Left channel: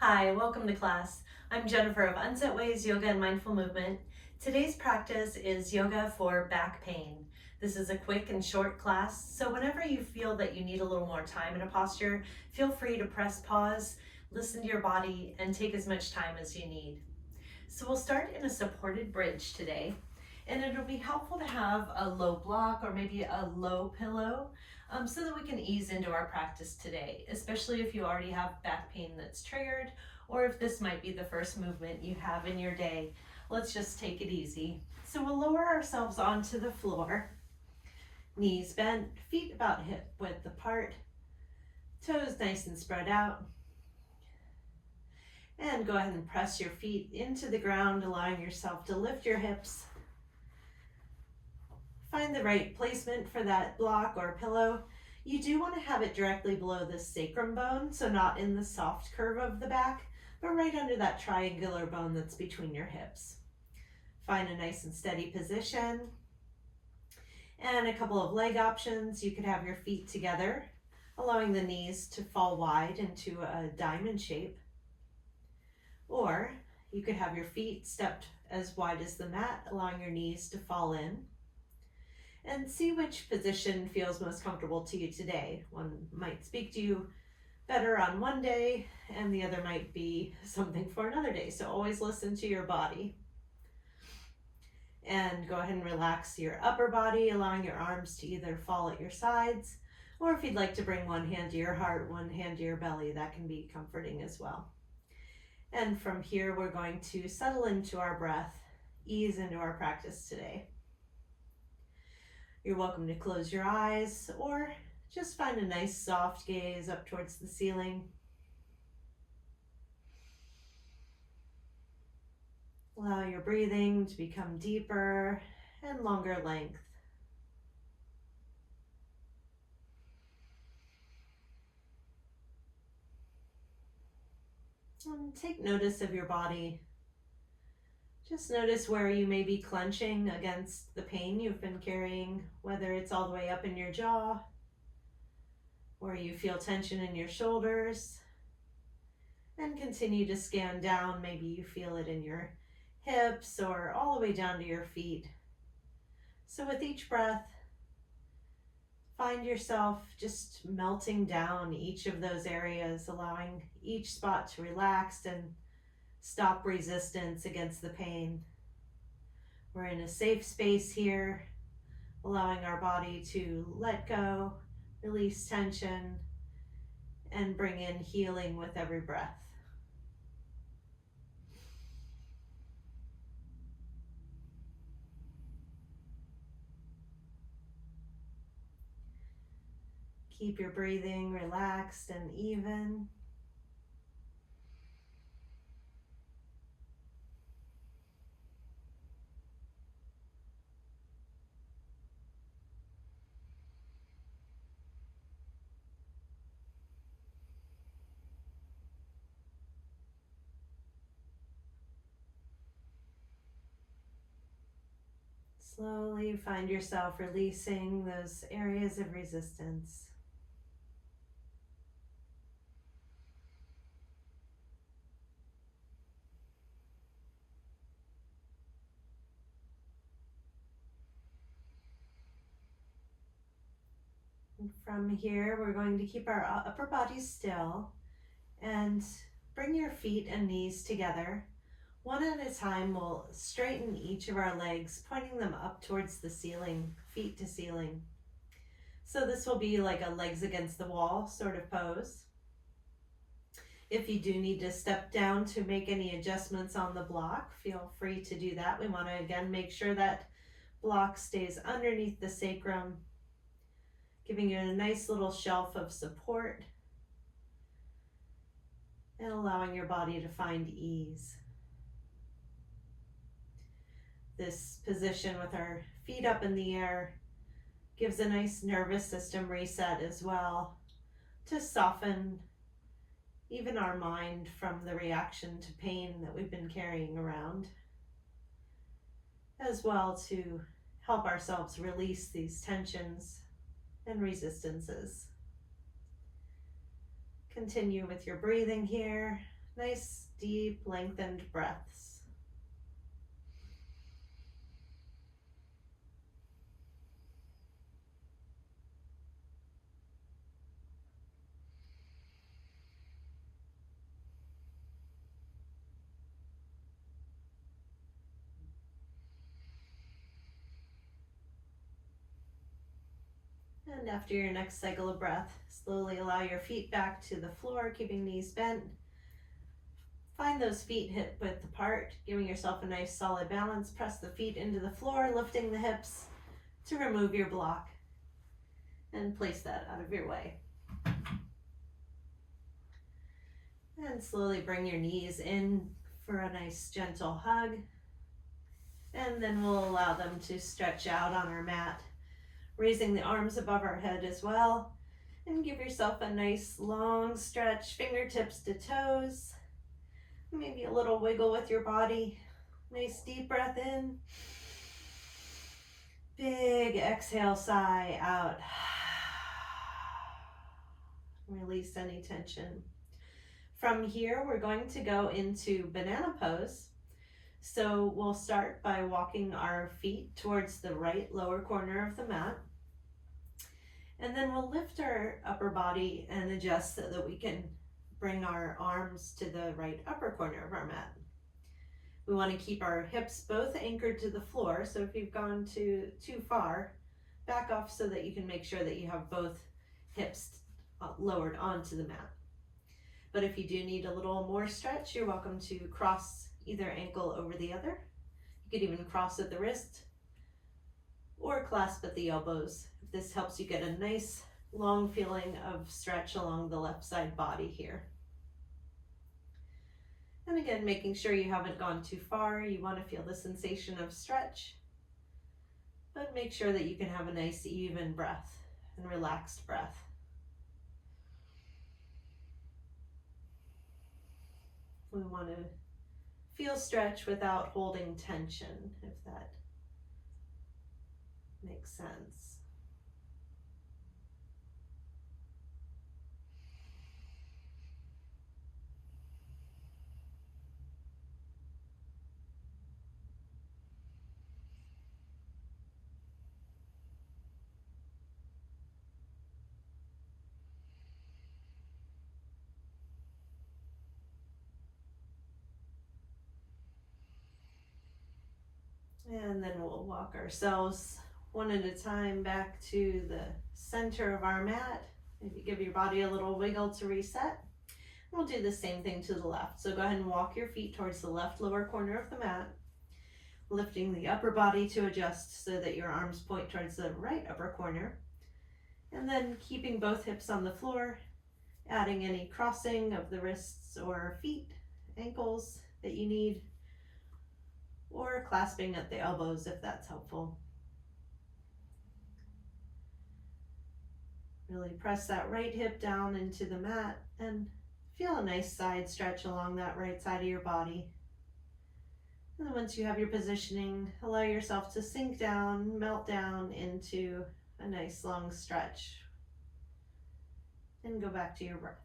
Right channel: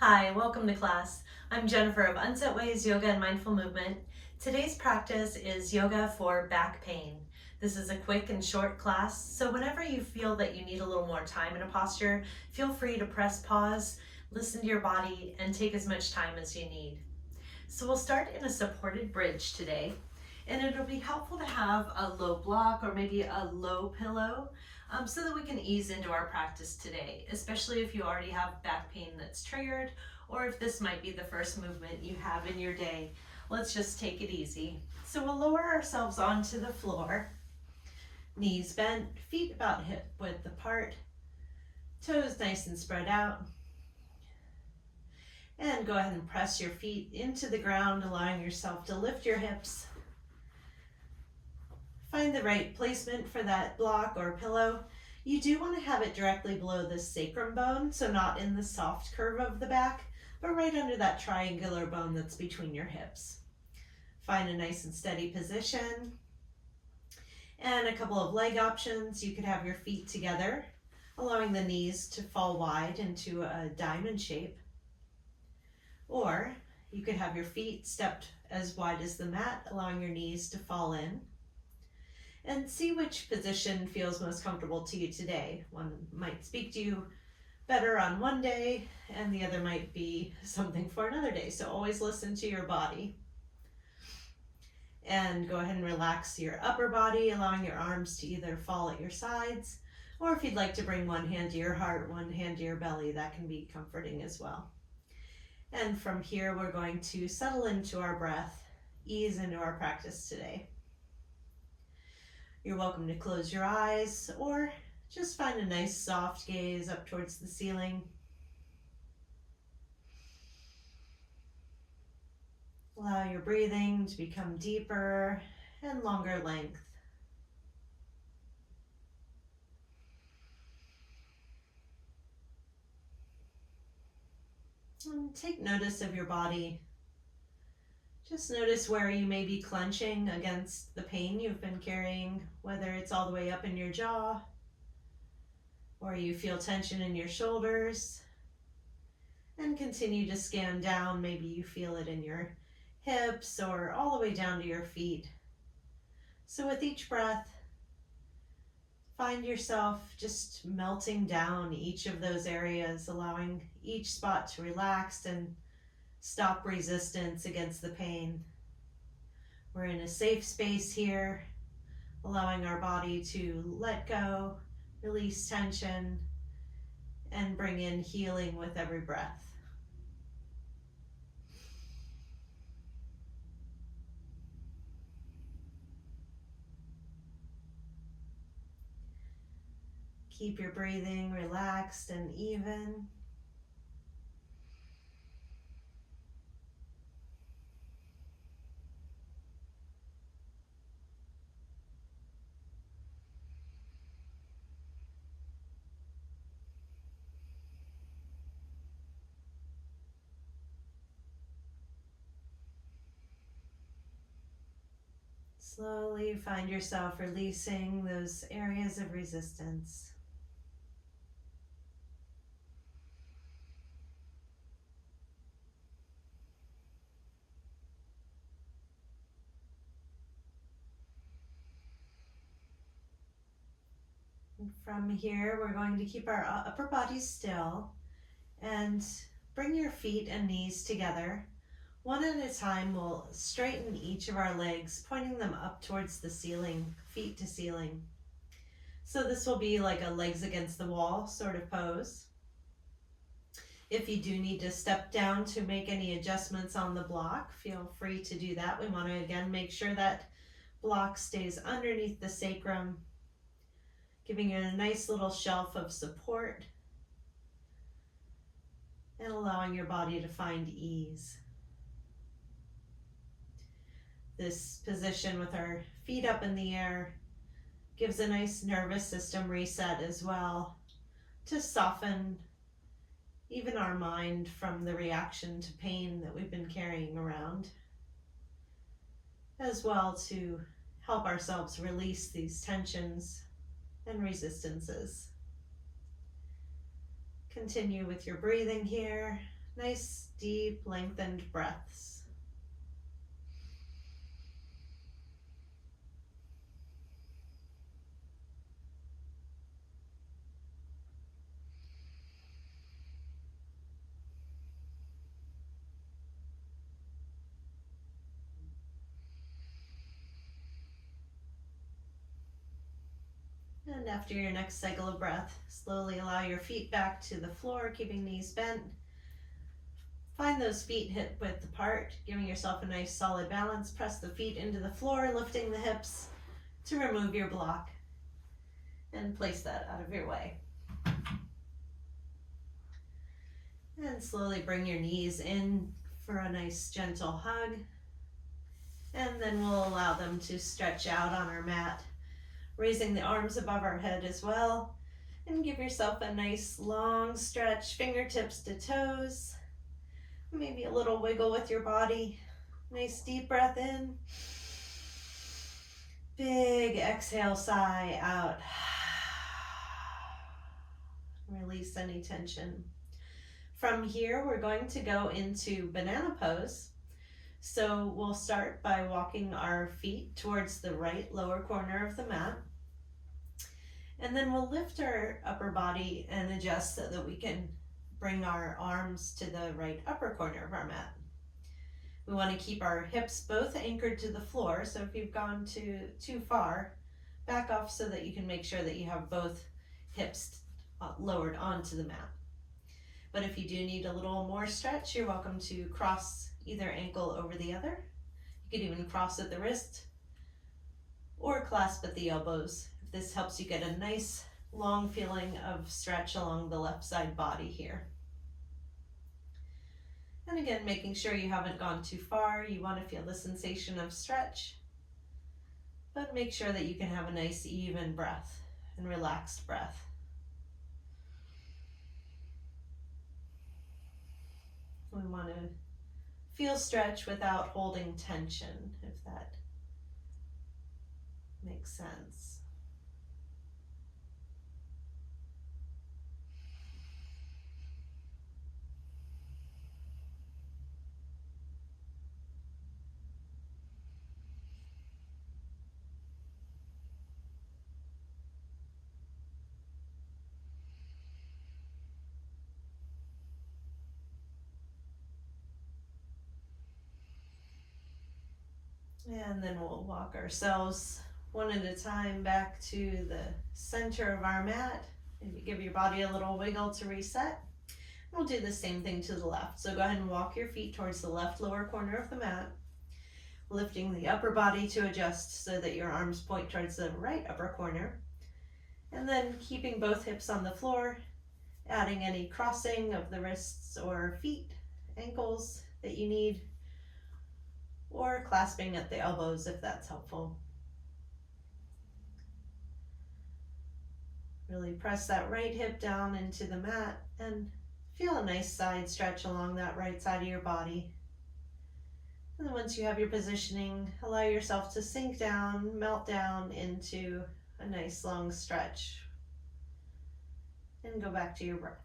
Hi, welcome to class. I'm Jennifer of Unset Ways Yoga and Mindful Movement. Today's practice is yoga for back pain. This is a quick and short class, so whenever you feel that you need a little more time in a posture, feel free to press pause, listen to your body, and take as much time as you need. So we'll start in a supported bridge today, and it'll be helpful to have a low block or maybe a low pillow so that we can ease into our practice today, especially if you already have back pain that's triggered or if this might be the first movement you have in your day. Let's just take it easy. So we'll lower ourselves onto the floor, knees bent, feet about hip width apart, toes nice and spread out. And go ahead and press your feet into the ground, allowing yourself to lift your hips. Find the right placement for that block or pillow. You do want to have it directly below the sacrum bone, so not in the soft curve of the back, but right under that triangular bone that's between your hips. Find a nice and steady position. And a couple of leg options. You could have your feet together, allowing the knees to fall wide into a diamond shape. Or you could have your feet stepped as wide as the mat, allowing your knees to fall in. And see which position feels most comfortable to you today. One might speak to you better on one day, and the other might be something for another day. So always listen to your body. And go ahead and relax your upper body, allowing your arms to either fall at your sides, or if you'd like to bring one hand to your heart, one hand to your belly, that can be comforting as well. And from here, we're going to settle into our breath, ease into our practice today. You're welcome to close your eyes or just find a nice soft gaze up towards the ceiling. Allow your breathing to become deeper and longer length. And take notice of your body. Just notice where you may be clenching against the pain you've been carrying, whether it's all the way up in your jaw, or you feel tension in your shoulders. And continue to scan down. Maybe you feel it in your hips or all the way down to your feet. So with each breath, find yourself just melting down each of those areas, allowing each spot to relax and stop resistance against the pain. We're in a safe space here, allowing our body to let go, release tension, and bring in healing with every breath. Keep your breathing relaxed and even. Slowly find yourself releasing those areas of resistance. And from here, we're going to keep our upper body still and bring your feet and knees together. One at a time, we'll straighten each of our legs, pointing them up towards the ceiling, feet to ceiling. So this will be like a legs against the wall sort of pose. If you do need to step down to make any adjustments on the block, feel free to do that. We want to again make sure that block stays underneath the sacrum, giving you a nice little shelf of support and allowing your body to find ease. This position with our feet up in the air gives a nice nervous system reset as well, to soften even our mind from the reaction to pain that we've been carrying around, as well to help ourselves release these tensions and resistances. Continue with your breathing here, Nice, deep, lengthened breaths. And after your next cycle of breath, slowly allow your feet back to the floor, keeping knees bent. Find those feet hip width apart, giving yourself a nice solid balance. Press the feet into the floor, lifting the hips to remove your block and place that out of your way. And slowly bring your knees in for a nice gentle hug. And then we'll allow them to stretch out on our mat, raising the arms above our head as well. And give yourself a nice long stretch, fingertips to toes. Maybe a little wiggle with your body. Nice deep breath in. Big exhale, sigh out. Release any tension. From here, we're going to go into banana pose. So we'll start by walking our feet towards the right lower corner of the mat. And then we'll lift our upper body and adjust so that we can bring our arms to the right upper corner of our mat. We want to keep our hips both anchored to the floor, so if you've gone too far, back off so that you can make sure that you have both hips lowered onto the mat. But if you do need a little more stretch, you're welcome to cross either ankle over the other. You could even cross at the wrist or clasp at the elbows. If this helps you get a nice long feeling of stretch along the left side body here. And again, making sure you haven't gone too far. You want to feel the sensation of stretch, but make sure that you can have a nice even breath and relaxed breath. We want to feel stretch without holding tension, if that makes sense. And then we'll walk ourselves one at a time back to the center of our mat. Maybe give your body a little wiggle to reset. We'll do the same thing to the left. So go ahead and walk your feet towards the left lower corner of the mat, lifting the upper body to adjust so that your arms point towards the right upper corner. And then keeping both hips on the floor, adding any crossing of the wrists or feet, ankles that you need, or clasping at the elbows if that's helpful. Really press that right hip down into the mat and feel a nice side stretch along that right side of your body. And then once you have your positioning, allow yourself to sink down, melt down into a nice long stretch. And go back to your breath.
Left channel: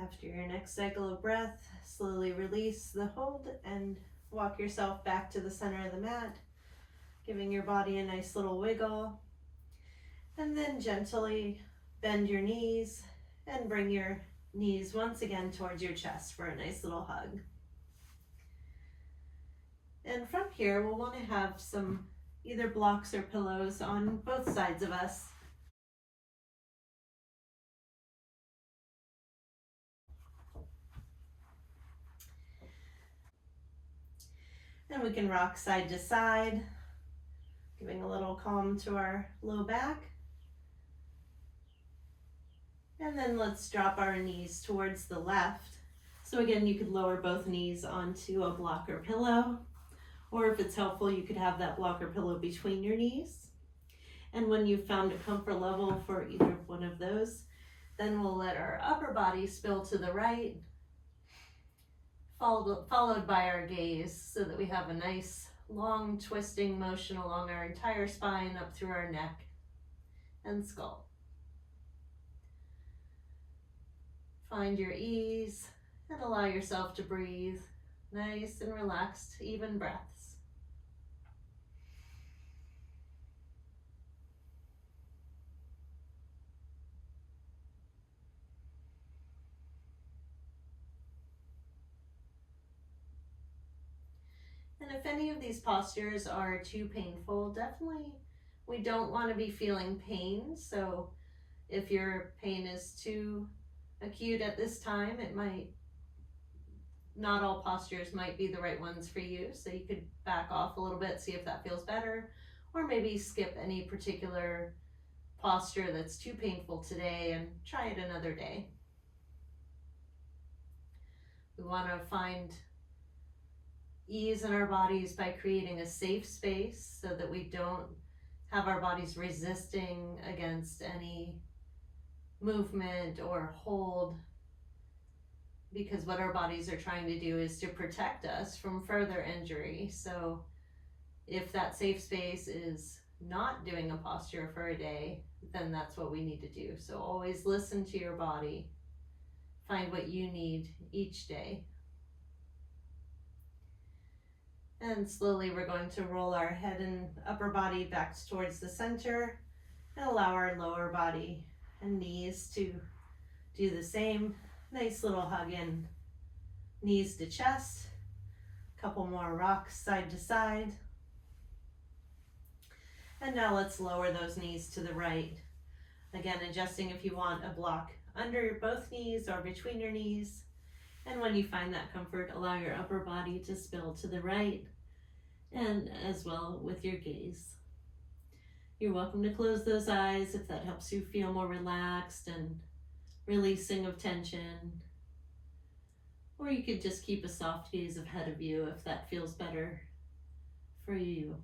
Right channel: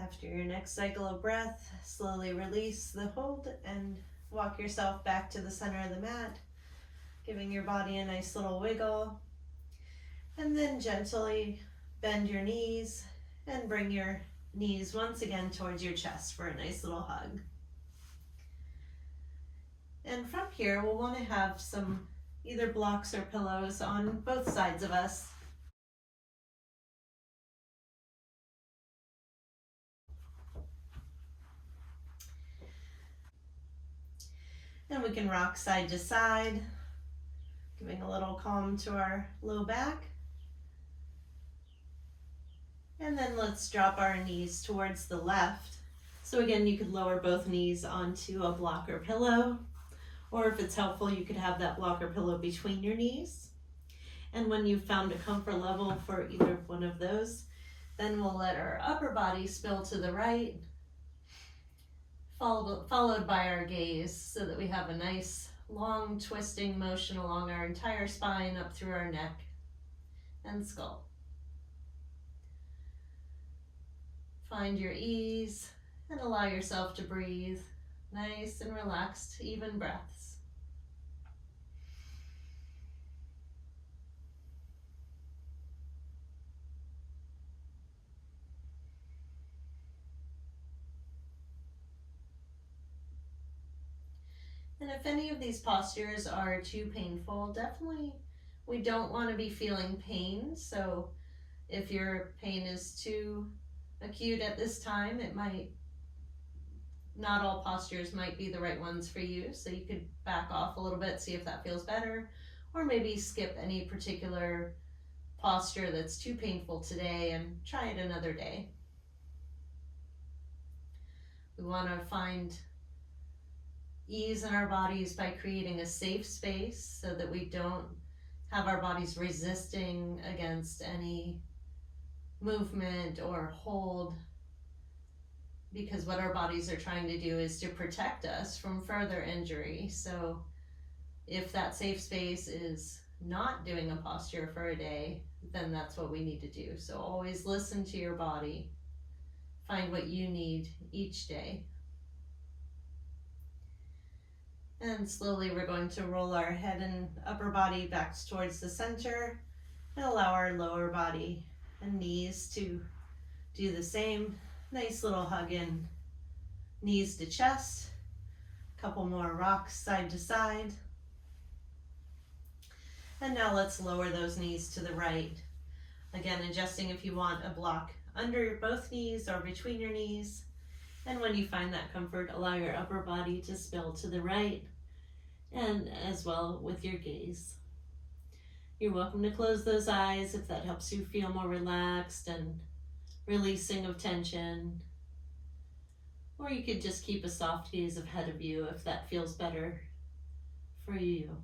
After your next cycle of breath, slowly release the hold and walk yourself back to the center of the mat, giving your body a nice little wiggle. And then gently bend your knees and bring your knees once again towards your chest for a nice little hug. And from here, we'll want to have some either blocks or pillows on both sides of us. And we can rock side to side, giving a little calm to our low back. And then let's drop our knees towards the left. So again, you could lower both knees onto a block or pillow, or if it's helpful, you could have that block or pillow between your knees. And when you've found a comfort level for either one of those, then we'll let our upper body spill to the right, followed by our gaze, so that we have a nice long twisting motion along our entire spine up through our neck and skull. Find your ease and allow yourself to breathe nice and relaxed, even breaths. And if any of these postures are too painful, definitely we don't want to be feeling pain. So if your pain is too acute at this time, it might, not all postures might be the right ones for you. So you could back off a little bit, see if that feels better, or maybe skip any particular posture that's too painful today and try it another day. We want to find ease in our bodies by creating a safe space so that we don't have our bodies resisting against any movement or hold, because what our bodies are trying to do is to protect us from further injury. So if that safe space is not doing a posture for a day, then that's what we need to do. So always listen to your body, find what you need each day. And slowly we're going to roll our head and upper body back towards the center and allow our lower body and knees to do the same. Nice little hug in, knees to chest. Couple more rocks side to side. And now let's lower those knees to the right. Again, adjusting if you want a block under both knees or between your knees. And when you find that comfort, allow your upper body to spill to the right, and as well with your gaze. You're welcome to close those eyes if that helps you feel more relaxed and releasing of tension. Or you could just keep a soft gaze ahead of you if that feels better for you.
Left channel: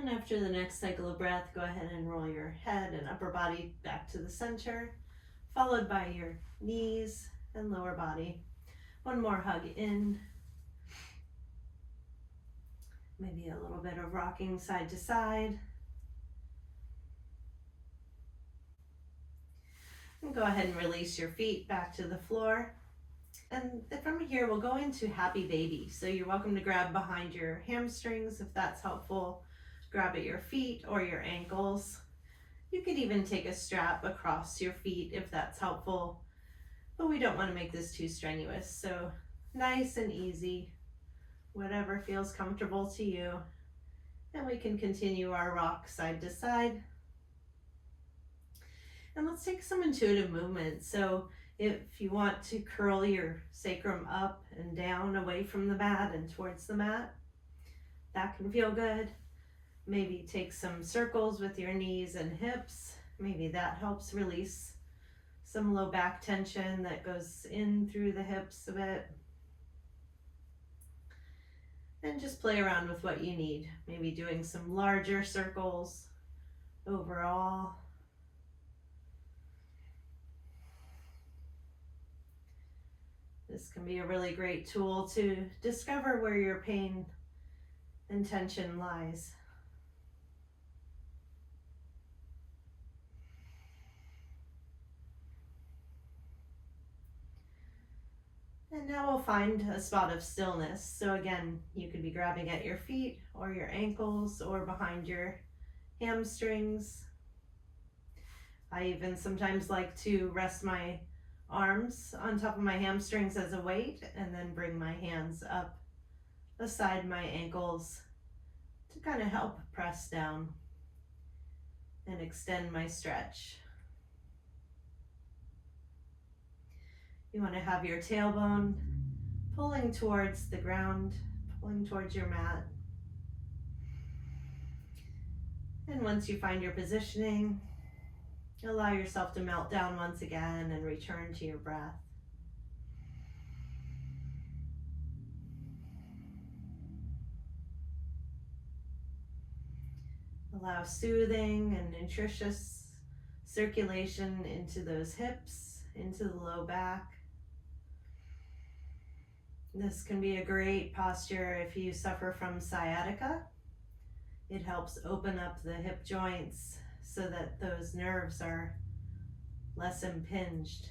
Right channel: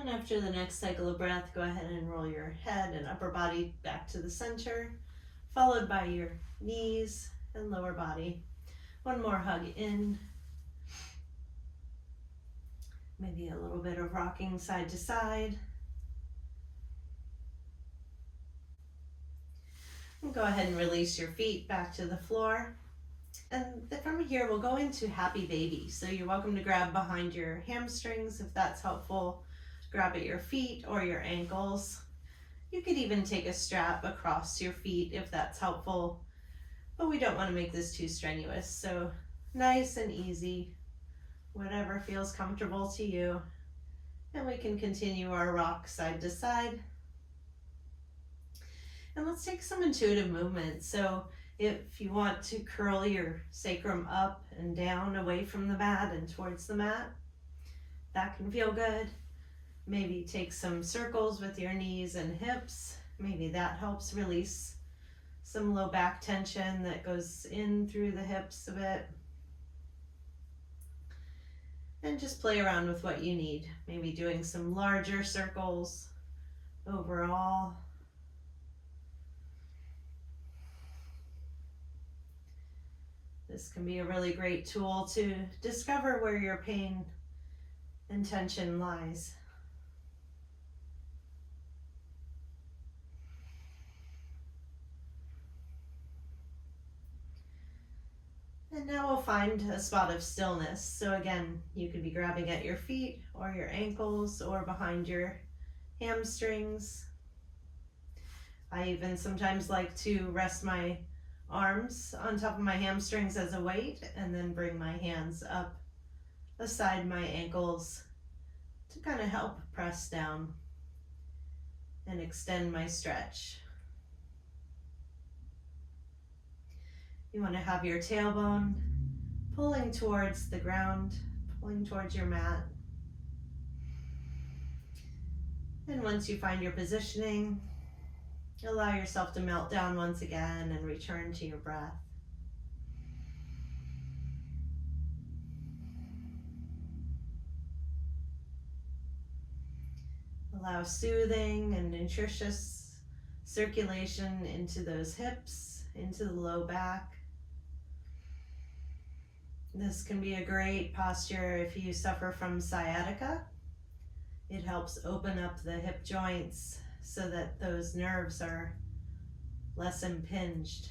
And after the next cycle of breath, go ahead and roll your head and upper body back to the center, followed by your knees and lower body. One more hug in. Maybe a little bit of rocking side to side. And go ahead and release your feet back to the floor. And from here, we'll go into happy baby. So you're welcome to grab behind your hamstrings if that's helpful. Grab at your feet or your ankles. You could even take a strap across your feet if that's helpful, but we don't want to make this too strenuous. So nice and easy, whatever feels comfortable to you. And we can continue our rock side to side. And let's take some intuitive movement. So if you want to curl your sacrum up and down away from the mat and towards the mat, that can feel good. Maybe take some circles with your knees and hips. Maybe that helps release some low back tension that goes in through the hips a bit. And just play around with what you need. Maybe doing some larger circles overall. This can be a really great tool to discover where your pain and tension lies. And now we'll find a spot of stillness. So again, you could be grabbing at your feet or your ankles or behind your hamstrings. I even sometimes like to rest my arms on top of my hamstrings as a weight and then bring my hands up beside my ankles to kind of help press down and extend my stretch. You want to have your tailbone pulling towards the ground, pulling towards your mat. And once you find your positioning, allow yourself to melt down once again and return to your breath. Allow soothing and nutritious circulation into those hips, into the low back. This can be a great posture if you suffer from sciatica. It helps open up the hip joints so that those nerves are less impinged.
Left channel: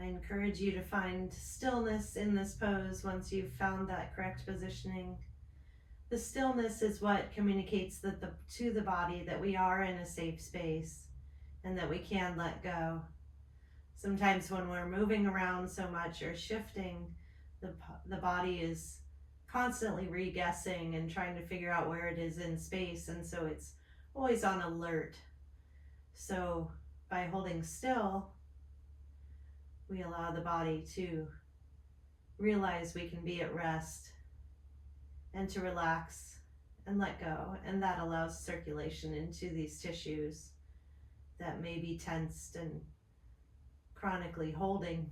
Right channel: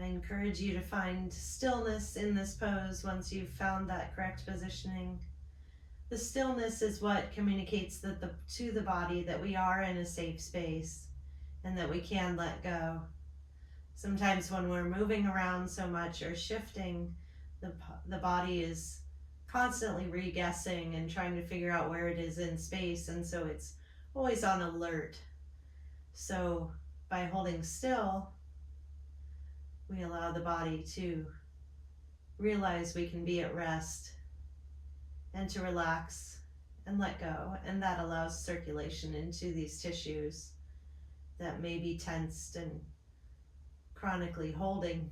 I encourage you to find stillness in this pose once you've found that correct positioning. The stillness is what communicates to the body that we are in a safe space and that we can let go. Sometimes when we're moving around so much or shifting, the body is constantly re-guessing and trying to figure out where it is in space, and so it's always on alert. So by holding still, we allow the body to realize we can be at rest and to relax and let go, and that allows circulation into these tissues that may be tensed and chronically holding.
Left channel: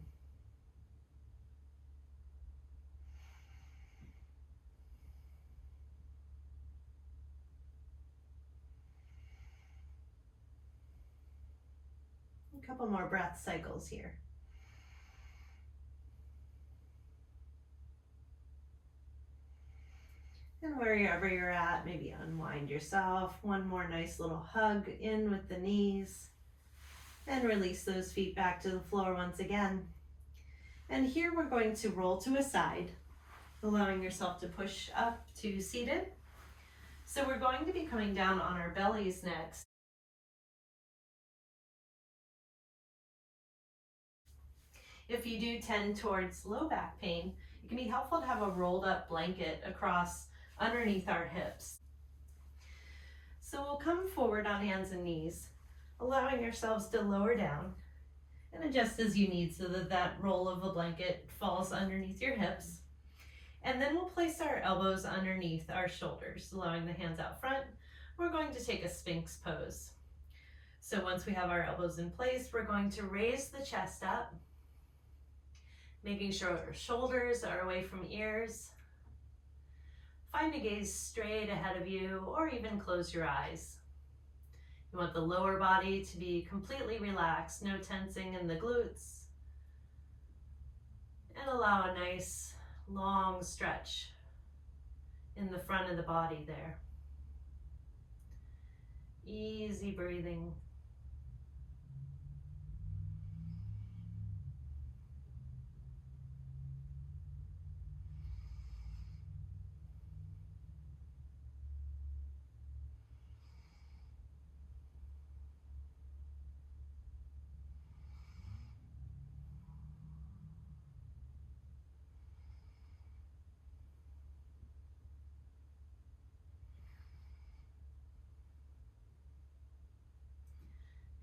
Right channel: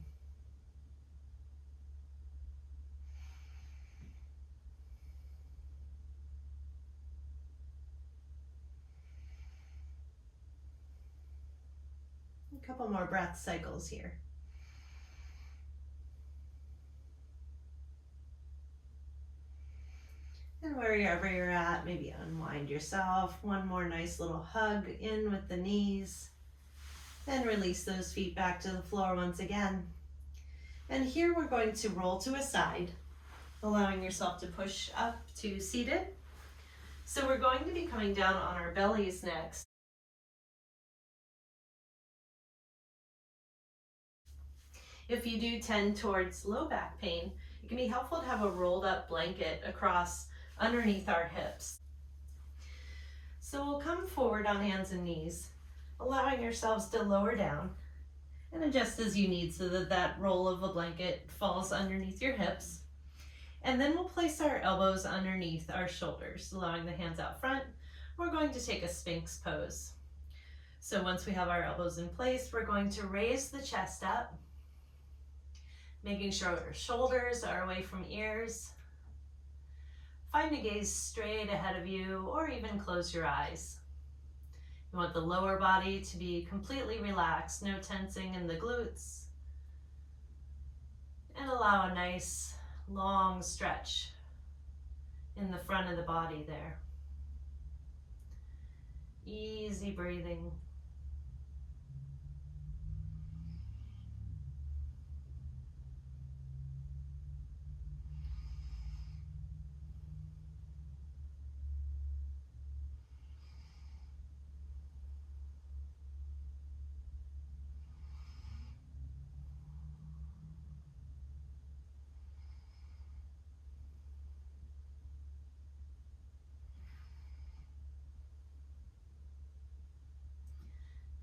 A couple more breath cycles here. And wherever you're at, maybe unwind yourself. One more nice little hug in with the knees. And release those feet back to the floor once again. And here we're going to roll to a side, allowing yourself to push up to seated. So we're going to be coming down on our bellies next. If you do tend towards low back pain, it can be helpful to have a rolled up blanket across underneath our hips. So we'll come forward on hands and knees, allowing yourselves to lower down and adjust as you need so that that roll of a blanket falls underneath your hips. And then we'll place our elbows underneath our shoulders, allowing the hands out front. We're going to take a Sphinx pose. So once we have our elbows in place, we're going to raise the chest up, making sure our shoulders are away from ears. Find a gaze straight ahead of you, or even close your eyes. You want the lower body to be completely relaxed, no tensing in the glutes. And allow a nice long stretch in the front of the body there. Easy breathing.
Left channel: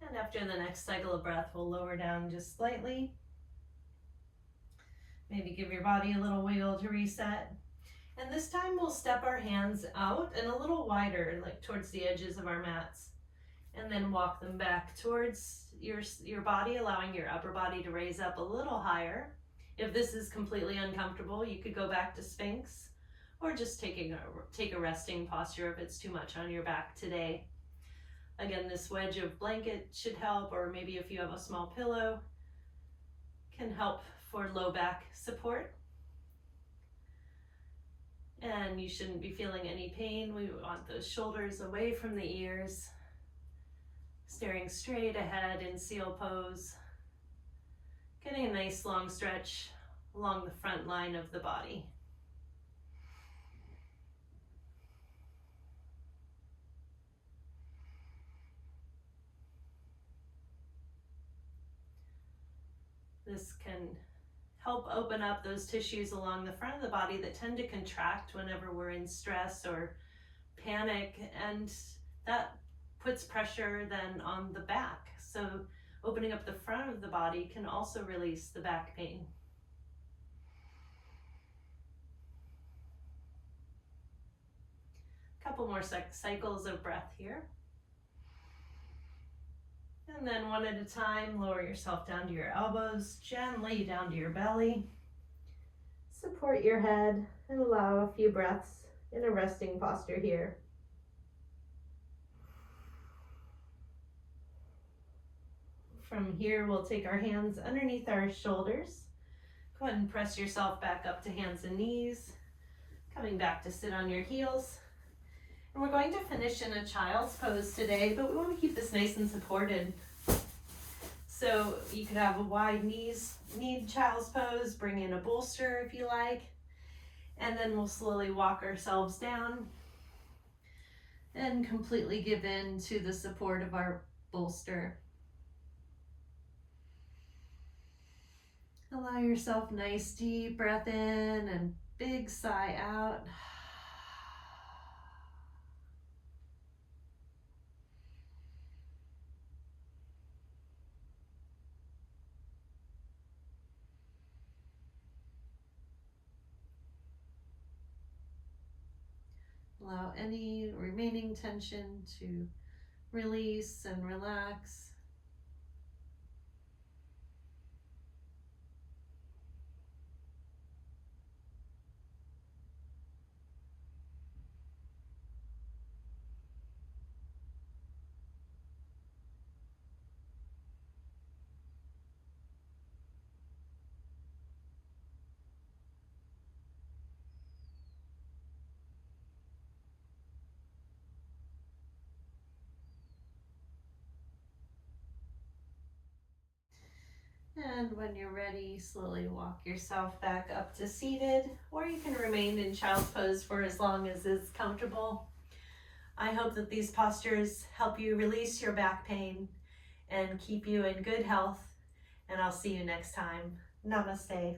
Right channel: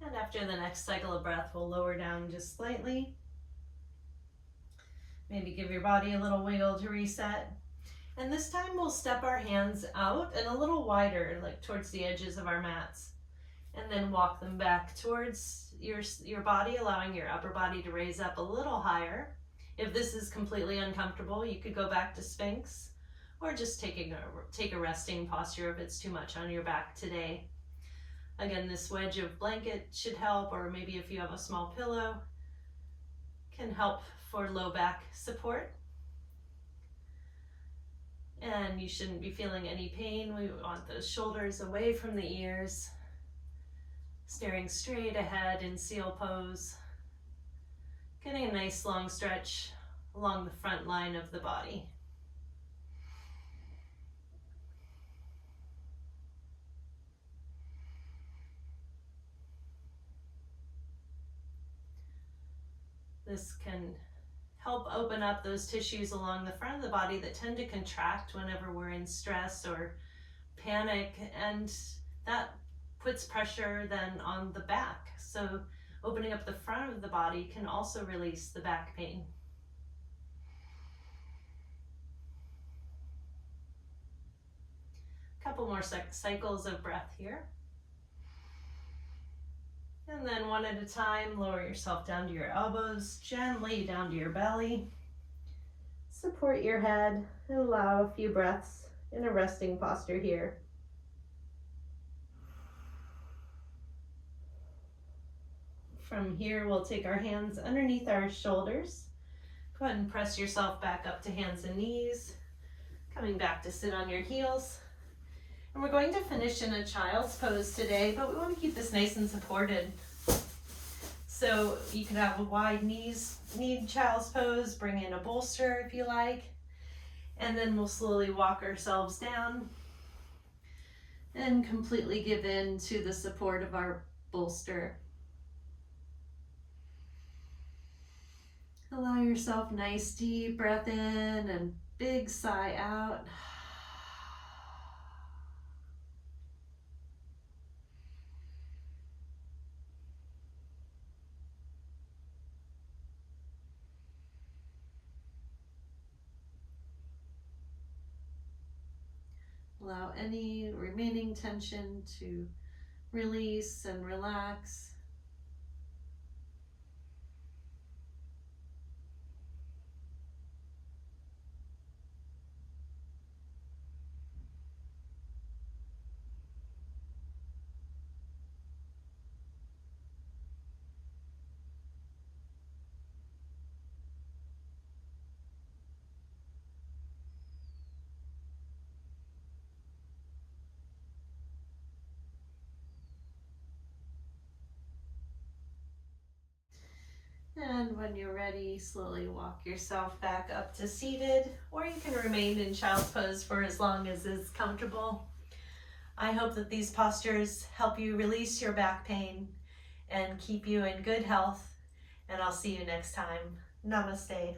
And after the next cycle of breath, we'll lower down just slightly. Maybe give your body a little wiggle to reset. And this time we'll step our hands out and a little wider, like towards the edges of our mats. And then walk them back towards your body, allowing your upper body to raise up a little higher. If this is completely uncomfortable, you could go back to Sphinx, or just take a resting posture if it's too much on your back today. Again, this wedge of blanket should help, or maybe if you have a small pillow, can help for low back support. And you shouldn't be feeling any pain. We want those shoulders away from the ears, staring straight ahead in seal pose, getting a nice long stretch along the front line of the body. This can help open up those tissues along the front of the body that tend to contract whenever we're in stress or panic, and that puts pressure then on the back. So opening up the front of the body can also release the back pain. Couple more cycles of breath here. And then one at a time, lower yourself down to your elbows, gently down to your belly. Support your head and allow a few breaths in a resting posture here. From here, we'll take our hands underneath our shoulders. Go ahead and press yourself back up to hands and knees, coming back to sit on your heels. And we're going to finish in a child's pose today, but we want to keep this nice and supported. So you could have a wide kneed child's pose, bring in a bolster if you like, and then we'll slowly walk ourselves down and completely give in to the support of our bolster. Allow yourself nice deep breath in and big sigh out. Allow any remaining tension to release and relax. And when you're ready, slowly walk yourself back up to seated, or you can remain in child's pose for as long as is comfortable. I hope that these postures help you release your back pain and keep you in good health, and I'll see you next time. Namaste.